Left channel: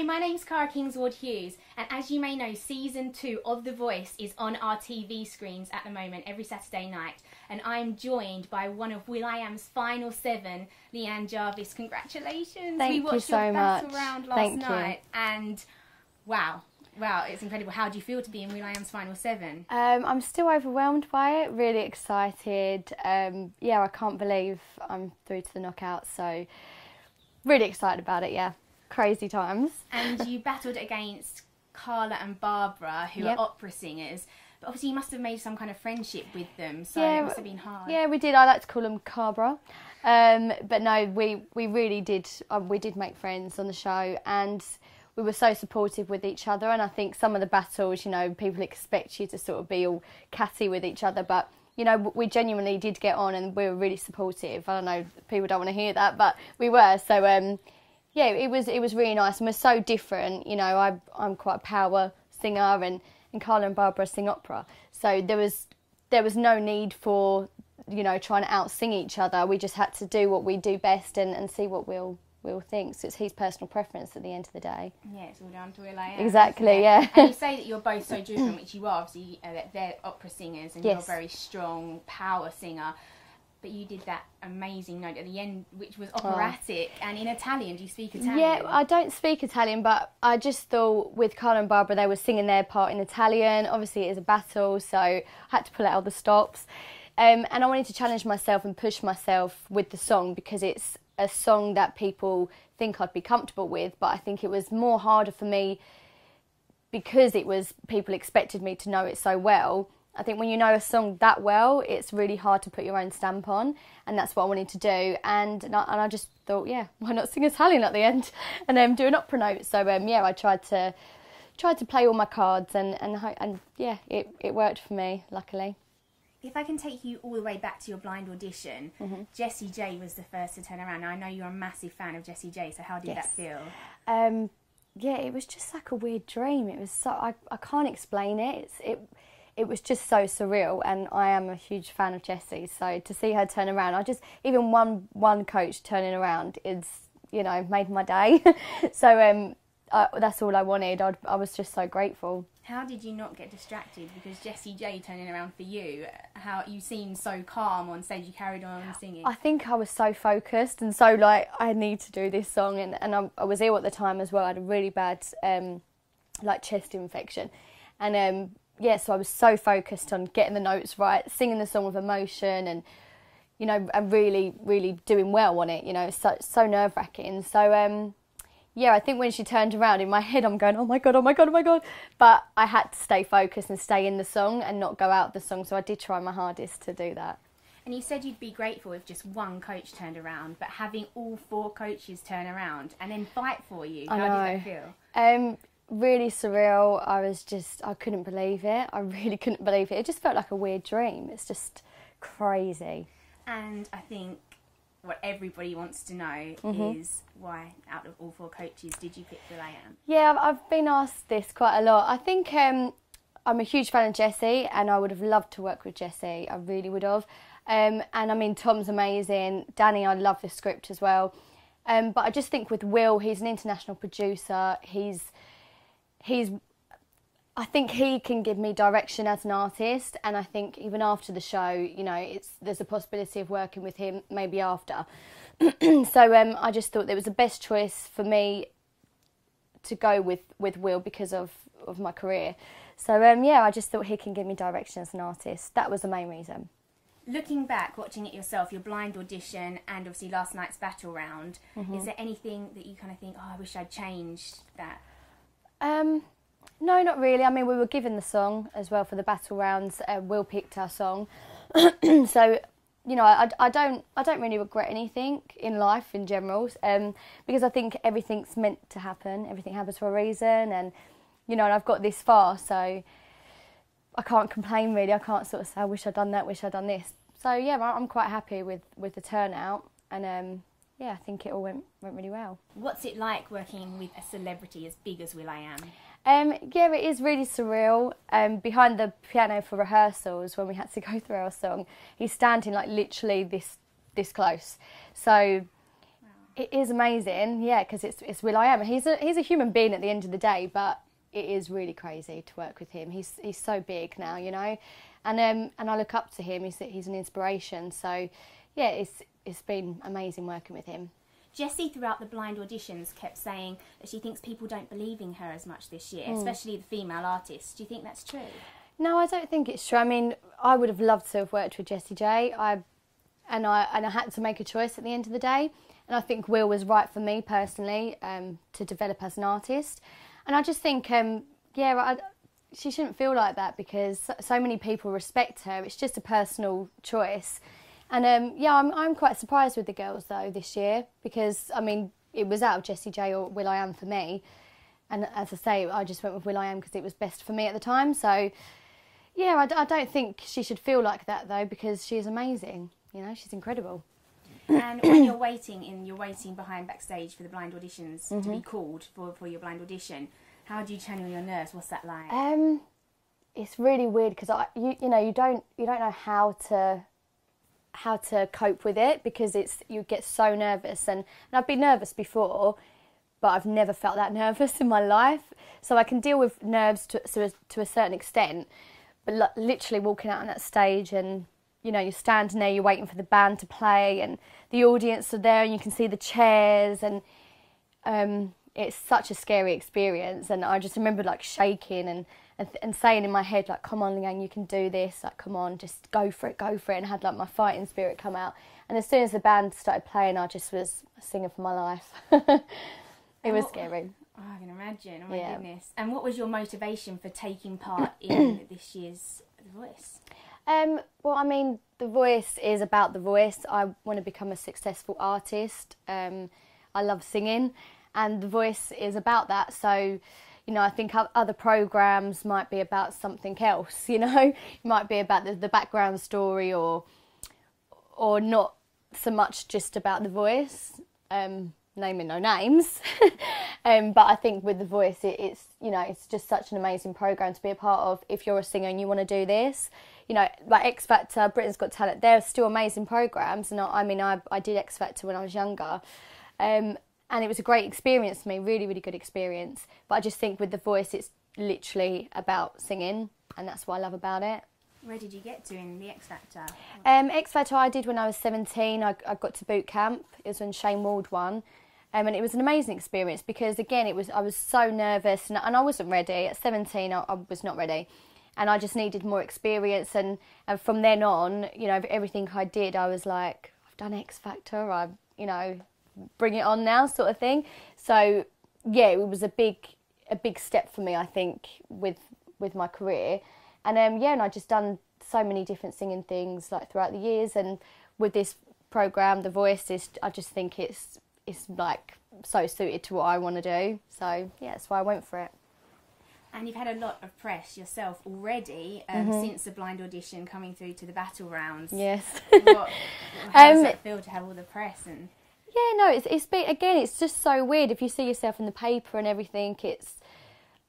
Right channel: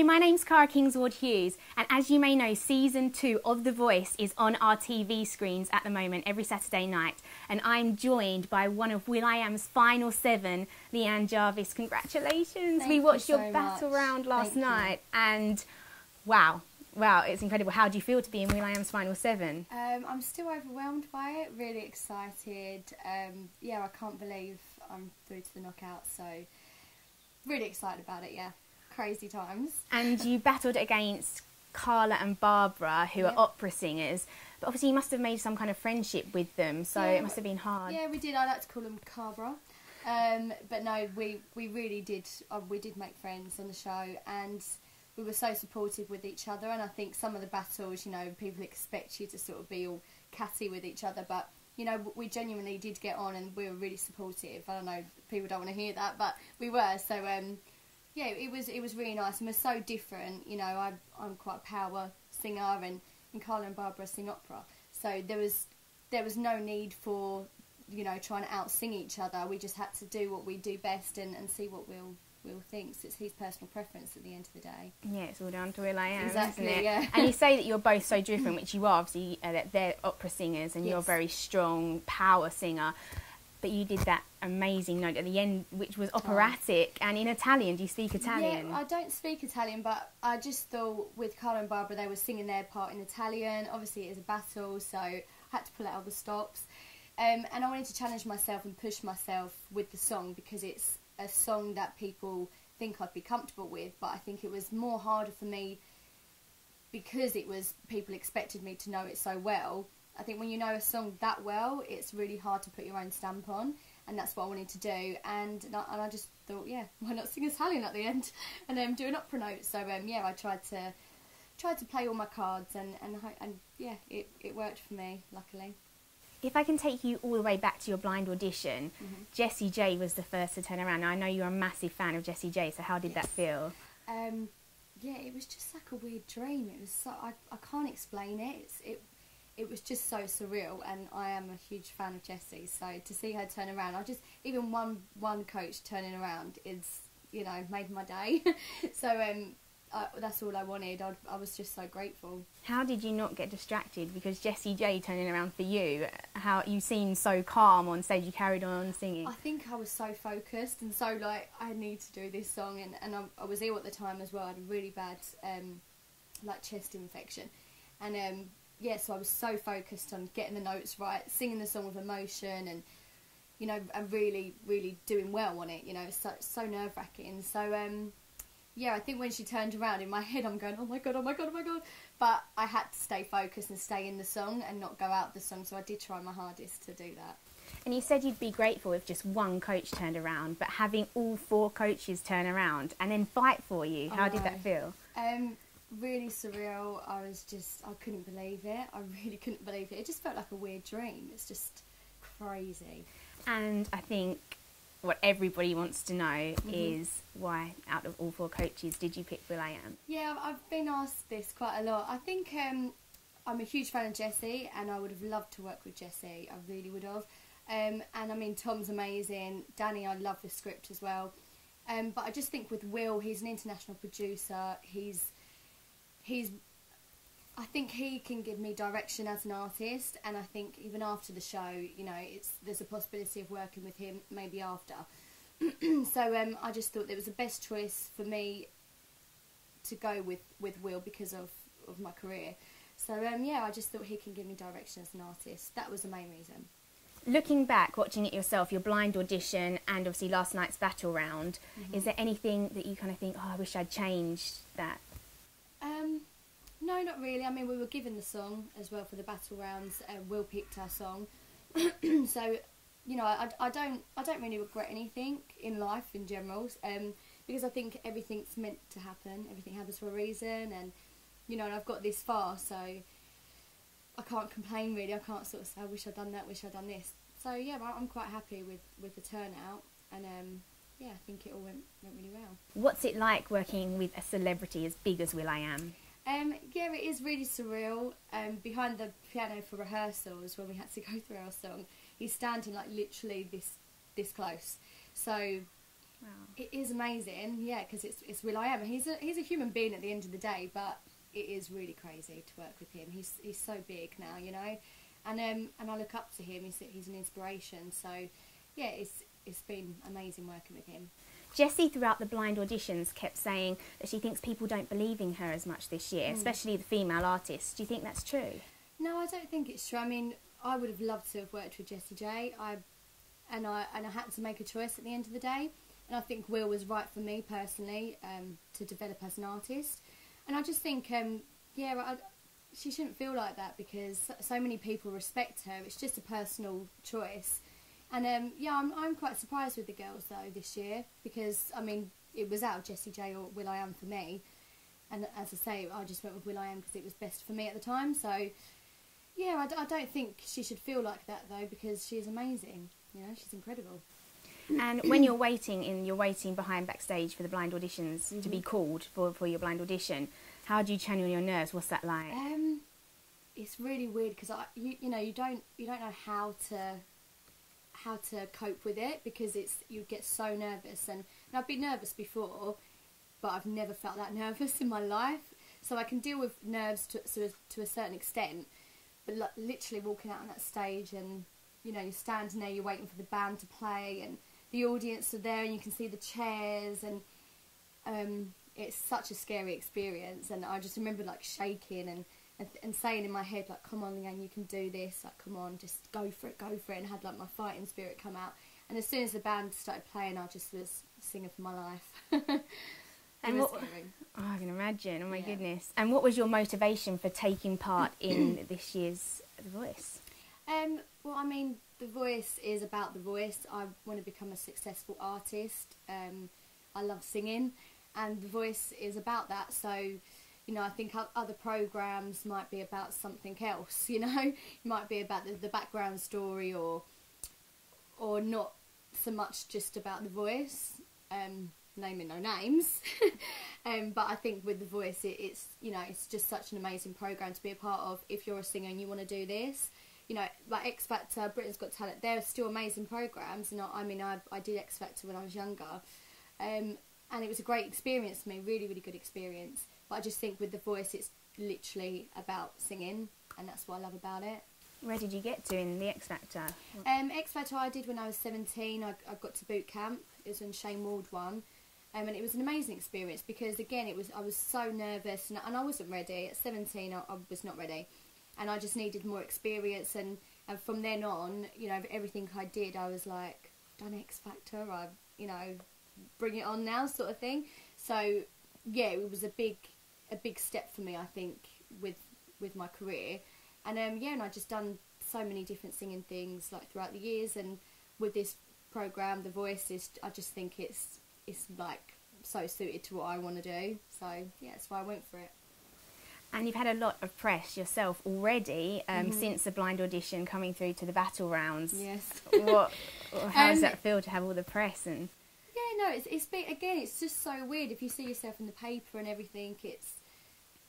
Hello, my name's Kingsward Hughes, and as you may know, season 2 of The Voice is on our TV screens at the moment every Saturday night, and I'm joined by one of will.i.am's final 7, Leanne Jarvis. Congratulations! Thank we watched you so your much. battle round last night, and wow, it's incredible. How do you feel to be in will.i.am's final 7? I'm still overwhelmed by it, really excited. Yeah, I can't believe I'm through to the knockout, so really excited about it, yeah. Crazy times. And you battled against Carla and Barbara, who are opera singers, but obviously you must have made some kind of friendship with them, so it must have been hard. Yeah, we did. I like to call them Cabra. But no, we really did. We did make friends on the show, and we were so supportive with each other. And I think some of the battles, you know, people expect you to sort of be all catty with each other, but you know, we genuinely did get on, and we were really supportive. I don't know, people don't want to hear that, but we were. So yeah, it was really nice, and we're so different. You know, I'm quite a power singer, and Carla and Barbara sing opera. So there was no need for, you know, trying to out-sing each other. We just had to do what we do best and see what Will thinks. It's his personal preference at the end of the day. Yeah, it's all down to will.i.am. Exactly, yeah. And you say that you're both so different, which you are. Obviously, they're opera singers, and you're a very strong power singer. But you did that amazing note at the end, which was operatic and in Italian. Do you speak Italian? Yeah, I don't speak Italian, but I just thought with Carla and Barbara, they were singing their part in Italian. Obviously, it is a battle, so I had to pull out all the stops. And I wanted to challenge myself and push myself with the song, because it's a song that people think I'd be comfortable with, but I think it was more harder for me because people expected me to know it so well. I think when you know a song that well, it's really hard to put your own stamp on, and that's what I wanted to do. And I just thought, yeah, why not sing Italian at the end and do an opera note? So yeah, I tried to play all my cards, and yeah, it worked for me, luckily. If I can take you all the way back to your blind audition, Jessie J was the first to turn around. Now, I know you're a massive fan of Jessie J, so how did that feel? Yeah, it was just like a weird dream. It was so I can't explain it. It was just so surreal, and I am a huge fan of Jessie. So to see her turn around, even one coach turning around is, you know, made my day. So that's all I wanted. I was just so grateful. How did you not get distracted? Because Jessie J turning around for you, how you seemed so calm on stage, you carried on singing. I think I was so focused and so like, I need to do this song, and I was ill at the time as well. I had a really bad like chest infection, and yeah, so I was so focused on getting the notes right, singing the song with emotion, and you know, and really, really doing well on it. You know, it's so nerve-wracking. So yeah, I think when she turned around, in my head I'm going, oh my god, oh my god, oh my god. But I had to stay focused and stay in the song and not go out the song. So I did try my hardest to do that. And you said you'd be grateful if just one coach turned around, but having all 4 coaches turn around and then fight for you, how did that feel? Really surreal. I couldn't believe it. I really couldn't believe it. It just felt like a weird dream. It's just crazy. And I think what everybody wants to know is why, out of all 4 coaches, did you pick will.i.am? Yeah, I've been asked this quite a lot. I think I'm a huge fan of Jessie, and I would have loved to work with Jessie. I really would have. And I mean, Tom's amazing. Danny, I love the script as well. But I just think with Will, he's an international producer. I think he can give me direction as an artist, and I think even after the show, you know, there's a possibility of working with him maybe after. So I just thought it was the best choice for me to go with Will because of my career. So yeah, I just thought he can give me direction as an artist. That was the main reason. Looking back, watching it yourself, your blind audition and obviously last night's battle round, is there anything that you kind of think, oh, I wish I'd changed that? No, not really. I mean, we were given the song as well for the battle rounds. Will picked our song. So, you know, I don't really regret anything in life in general, because I think everything's meant to happen. Everything happens for a reason, and, you know, and I've got this far, so I can't complain really. I can't sort of say, I wish I'd done that, wish I'd done this. So, yeah, I'm quite happy with the turnout, and yeah, I think it all went really well. What's it like working with a celebrity as big as will.i.am? Yeah, it is really surreal. Behind the piano for rehearsals, when we had to go through our song, he's standing like literally this close. So It is amazing, yeah, because it's will.i.am. He's a human being at the end of the day, but it is really crazy to work with him. He's so big now, you know, and I look up to him. He's an inspiration. So, yeah, it's been amazing working with him. Jessie, throughout the blind auditions, kept saying that she thinks people don't believe in her as much this year, especially the female artists. Do you think that's true? No, I don't think it's true. I mean, I would have loved to have worked with Jessie J. I had to make a choice at the end of the day. And I think Will was right for me personally to develop as an artist. And I just think, she shouldn't feel like that because so many people respect her. It's just a personal choice. And I'm quite surprised with the girls though this year because, I mean, it was out of Jessie J or will.i.am for me. And as I say, I just went with will.i.am because it was best for me at the time. So, yeah, I don't think she should feel like that though because she is amazing. You know, she's incredible. And when you're waiting behind backstage for the blind auditions to be called for your blind audition, how do you channel your nerves? What's that like? It's really weird because you don't know how to cope with it because you get so nervous and I've been nervous before, but I've never felt that nervous in my life. So I can deal with nerves to a certain extent, but literally walking out on that stage and you know, you're standing there, you're waiting for the band to play and the audience are there and you can see the chairs and it's such a scary experience. And I just remember like shaking and saying in my head like, come on Leanne, you can do this, like come on, just go for it, and had like my fighting spirit come out. And as soon as the band started playing, I just was singing for my life. It was scary. Oh, I can imagine, oh my goodness. And what was your motivation for taking part in this year's The Voice? Well, I mean, The Voice is about The Voice. I want to become a successful artist. I love singing, and The Voice is about that. So, you know, I think other programmes might be about something else, you know. It might be about the background story or not so much just about The Voice, naming no names. But I think with The Voice, it's, you know, it's just such an amazing programme to be a part of if you're a singer and you want to do this. You know, like X Factor, Britain's Got Talent, they're still amazing programmes. And I did X Factor when I was younger. And it was a great experience for me, really, really good experience. But I just think with The Voice, it's literally about singing. And that's what I love about it. Where did you get to in the X Factor? X Factor I did when I was 17. I got to boot camp. It was when Shane Ward won. And it was an amazing experience because, again, I was so nervous and I wasn't ready. At 17, I was not ready. And I just needed more experience. And from then on, you know, everything I did, I was like, I've done X Factor. You know, bring it on now sort of thing. So, yeah, it was a big step for me, I think, with my career. And, and I just done so many different singing things, like, throughout the years. And with this programme, The Voice, I just think it's like, so suited to what I want to do. So, yeah, that's why I went for it. And you've had a lot of press yourself already since the blind audition coming through to the battle rounds. Yes. How does that feel to have all the press? And yeah, no, it's been, again, it's just so weird. If you see yourself in the paper and everything, it's,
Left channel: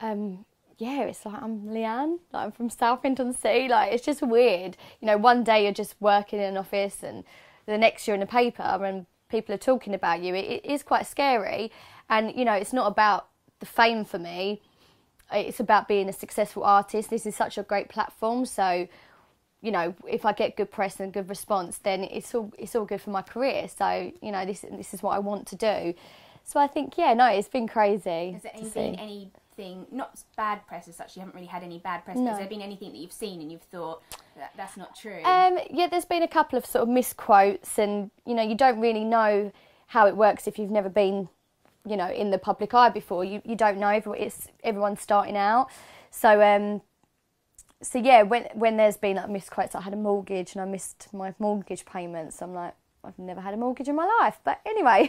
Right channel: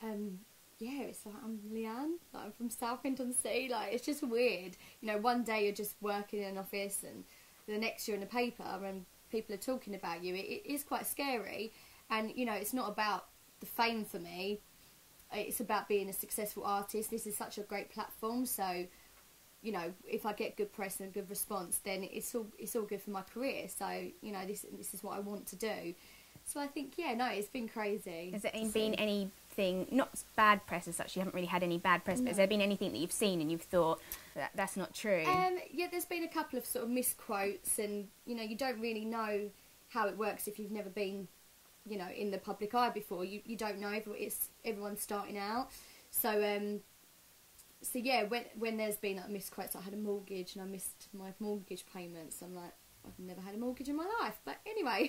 it's like, I'm Leanne, like, I'm from Southend-on-Sea, like, it's just weird. You know, one day you're just working in an office and the next you're in a paper and people are talking about you. It is quite scary. And, you know, it's not about the fame for me. It's about being a successful artist. This is such a great platform, so, you know, if I get good press and good response, then it's all good for my career. So, you know, this is what I want to do. So I think, it's been crazy. Has there been anything, not bad press as such, you haven't really had any bad press, but has there been anything that you've seen and you've thought, that's not true? There's been a couple of sort of misquotes and, you know, you don't really know how it works if you've never been, you know, in the public eye before. You don't know, everyone's starting out. So when there's been like misquotes, I had a mortgage and I missed my mortgage payments. I'm like, I've never had a mortgage in my life. But anyway,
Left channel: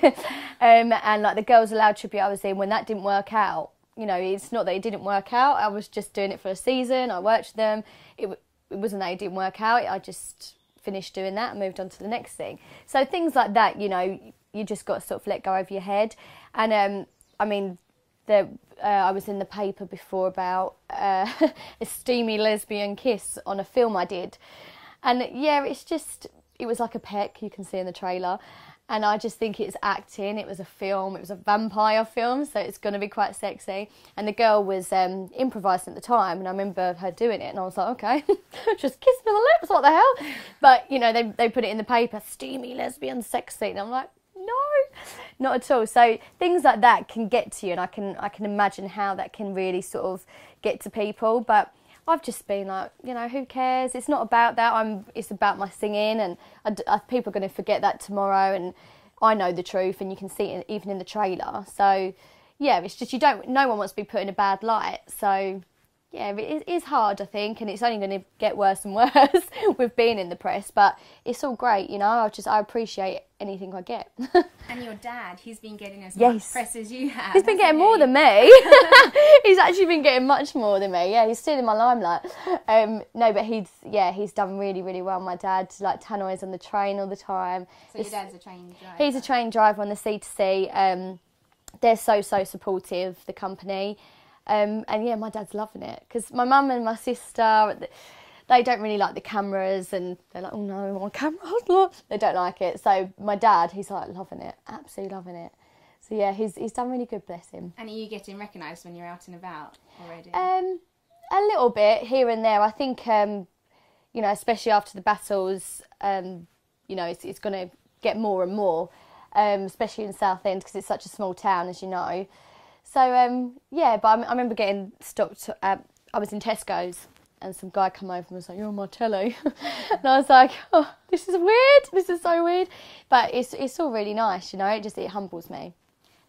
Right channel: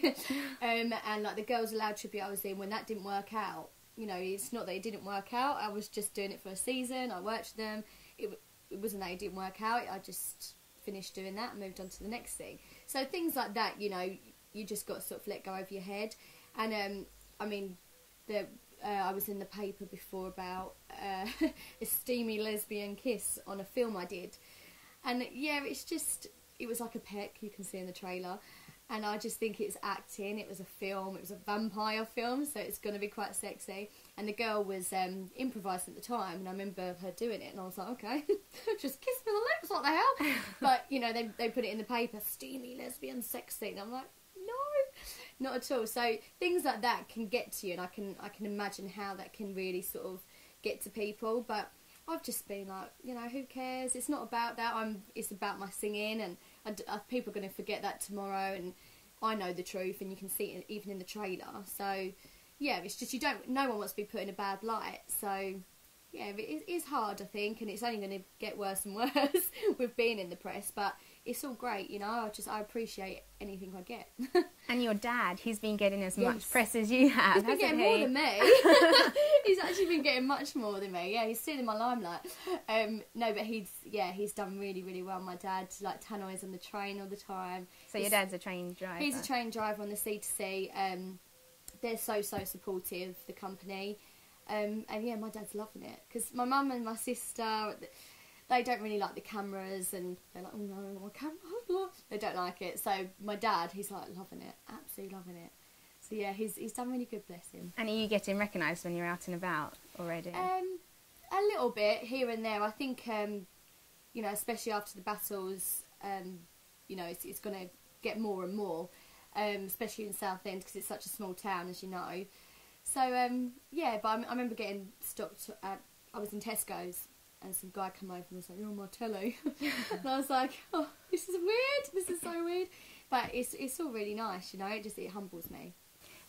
and like the Girls Aloud tribute I was in, when that didn't work out, you know, it's not that it didn't work out. I was just doing it for a season. I worked with them. It wasn't that it didn't work out. I just finished doing that and moved on to the next thing. So things like that, you know, you just got to sort of let go over your head. And I mean, I was in the paper before about a steamy lesbian kiss on a film I did. And yeah, it was like a peck, you can see in the trailer. And I just think it's acting. It was a film. It was a vampire film, so it's going to be quite sexy. And the girl was improvising at the time, and I remember her doing it, and I was like, okay, just kissing on the lips, what the hell? But, you know, they put it in the paper, steamy, lesbian, sexy, and I'm like, no, not at all. So things like that can get to you, and I can imagine how that can really sort of get to people. But I've just been like, you know, who cares? It's not about that. It's about my singing, and people are going to forget that tomorrow. And I know the truth, and you can see it even in the trailer. So, yeah, it's just no one wants to be put in a bad light. So, yeah, it is hard, I think, and it's only going to get worse and worse with being in the press. But it's all great, you know. I appreciate anything I get. And your dad, he's been getting as much press as you have. He's been getting more than me. He's actually been getting much more than me. Yeah, he's stealing my limelight. No, but he's done really, really well. My dad, like, tannoys on the train all the time. So your dad's a train driver? He's a train driver on the C2C. They're so supportive, the company. And yeah, my dad's loving it, because my mum and my sister, they don't really like the cameras, and they're like, oh no, my camera, they don't like it. So my dad, he's like loving it, absolutely loving it. So yeah, he's done really good, bless him. And are you getting recognised when you're out and about already? A little bit here and there. I think, you know, especially after the battles, you know, it's going to get more and more, especially in Southend, because it's such a small town, as you know. So, yeah, but I remember getting stopped. I was in Tesco's, and some guy come over and was like, you're on my telly. And I was like, oh, this is weird. This is so weird. But it's all really nice, you know. It humbles me.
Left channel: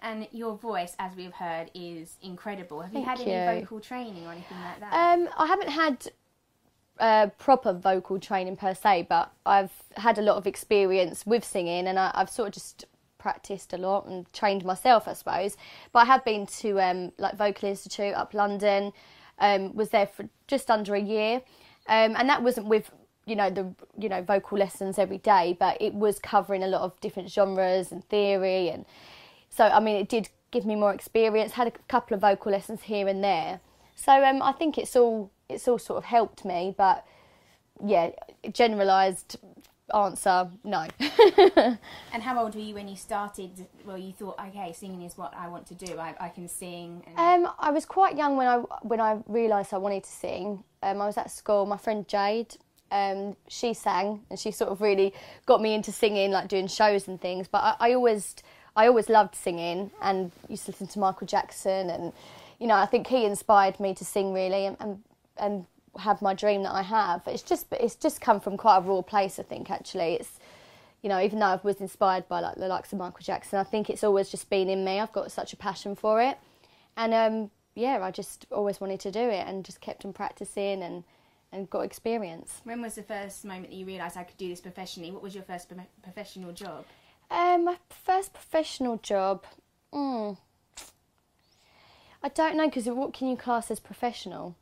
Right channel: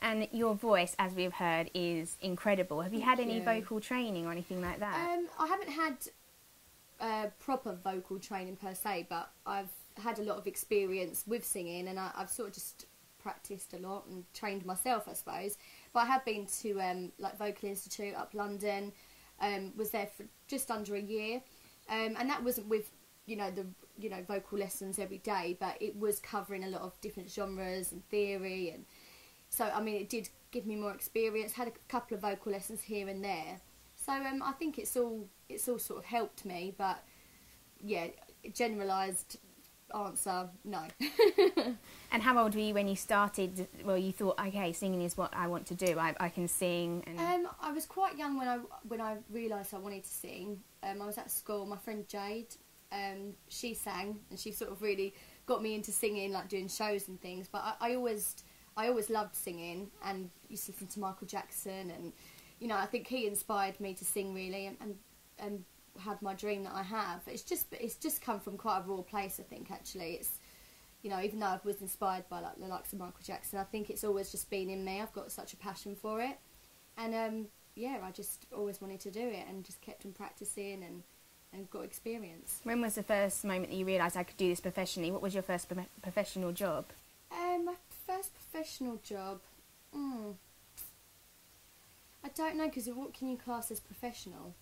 And your voice, as we've heard, is incredible. Have you had any vocal training or anything like that? I haven't had proper vocal training per se, but I've had a lot of experience with singing, and I've sort of just practiced a lot and trained myself, I suppose. But I have been to like Vocal Institute up London, was there for just under a year, and that wasn't with the vocal lessons every day, but it was covering a lot of different genres and theory, and so I mean it did give me more experience. Had a couple of vocal lessons here and there, so I think it's all sort of helped me. But yeah, generalised answer, no. And how old were you when you started? Well, you thought, okay, singing is what I want to do. I can sing. And... I was quite young when I realised I wanted to sing. I was at school. My friend Jade, she sang, and she sort of really got me into singing, like doing shows and things. But I always loved singing, and used to listen to Michael Jackson, and you know, I think he inspired me to sing really, and have my dream that I have. It's just come from quite a raw place, I think. Actually, it's, you know, even though I was inspired by like the likes of Michael Jackson, I think it's always just been in me. I've got such a passion for it, and yeah, I just always wanted to do it, and just kept on practicing and got experience. When was the first moment that you realised I could do this professionally? What was your first professional job? My first professional job, I don't know, because what can you class as professional?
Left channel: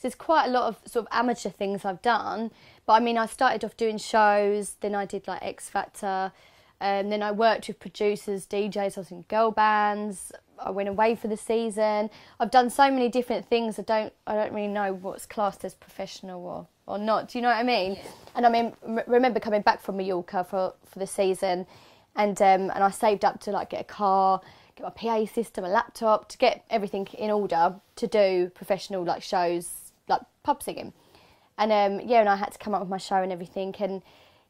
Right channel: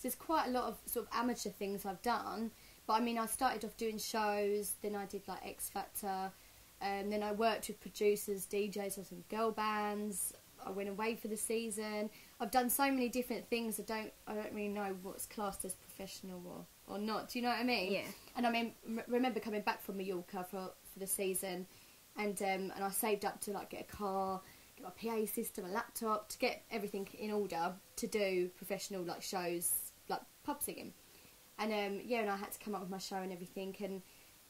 There's quite a lot of sort of amateur things I've done, but I mean, I started off doing shows, then I did like X Factor, then I worked with producers, DJs, I was in girl bands, I went away for the season. I've done so many different things, I don't really know what's classed as professional or not, do you know what I mean? Yeah. And I mean, remember coming back from Mallorca for the season, and I saved up to like get a car, get my PA system, a laptop, to get everything in order to do professional like shows, like pub singing. And yeah, and I had to come up with my show and everything, and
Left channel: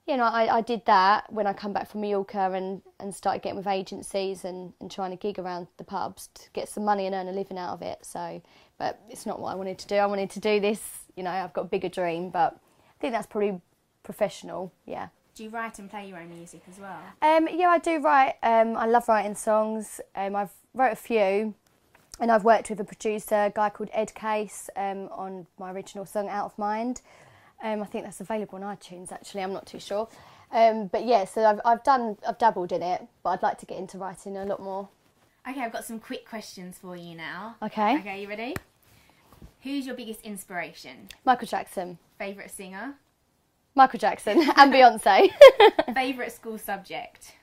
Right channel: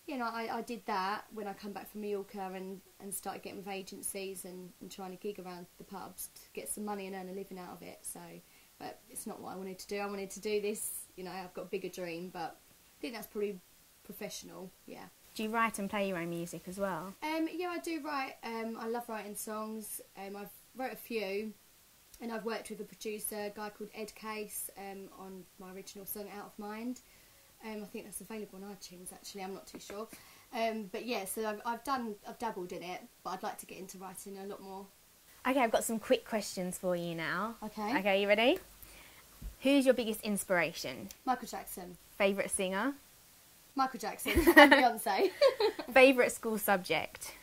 you know, I did that when I come back from Mallorca, and started getting with agencies and trying to gig around the pubs to get some money and earn a living out of it. So, but it's not what I wanted to do. I wanted to do this, you know, I've got a bigger dream, but I think that's probably professional, yeah. Do you write and play your own music as well? Yeah, I do write. I love writing songs. I've wrote a few, and I've worked with a producer, a guy called Ed Case, on my original song Out of Mind. I think that's available on iTunes, actually. I'm not too sure. But yeah, so I've dabbled in it, but I'd like to get into writing a lot more. Okay, I've got some quick questions for you now. Okay. Okay, you ready? Who's your biggest inspiration? Michael Jackson. Favourite singer? Michael Jackson and Beyonce. Favourite school subject?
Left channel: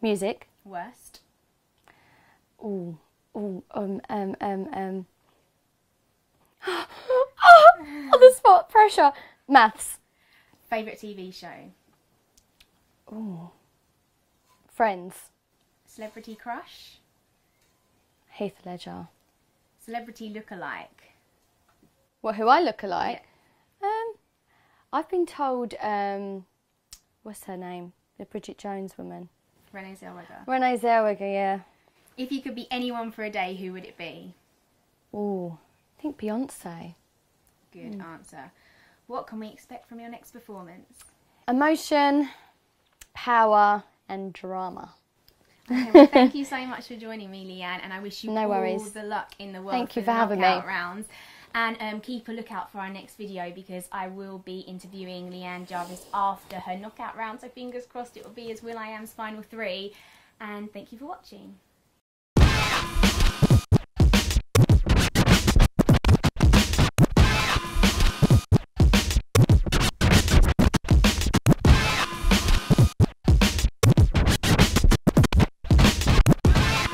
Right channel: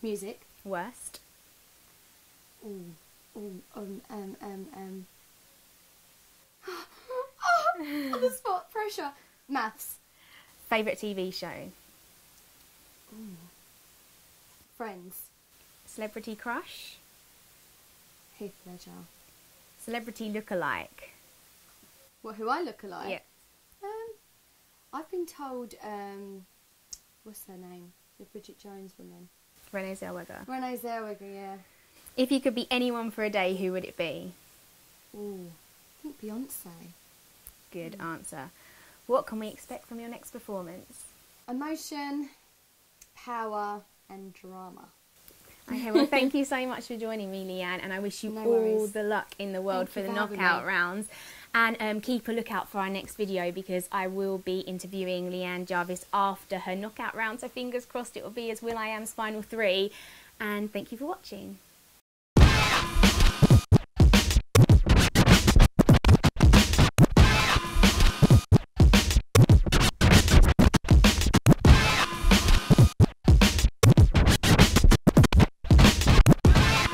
Music. Worst? Oh, on the spot, pressure. Maths. Favourite TV show? Oh, Friends. Celebrity crush? Heath Ledger. Celebrity look-alike? What, who I look alike? Yeah. I've been told, what's her name? The Bridget Jones woman. Renee Zellweger. Renee Zellweger, yeah. If you could be anyone for a day, who would it be? Ooh, I think Beyonce. Good answer. What can we expect from your next performance? Emotion, power and drama. Okay, well, thank you so much for joining me, Leanne, and I wish you No all worries. the luck in the world Thank you for for the having knockout me. rounds. And keep a lookout for our next video, because I will be interviewing Leanne Jarvis after her knockout round, so fingers crossed it will be as will.i.am's final 3. And thank you for watching.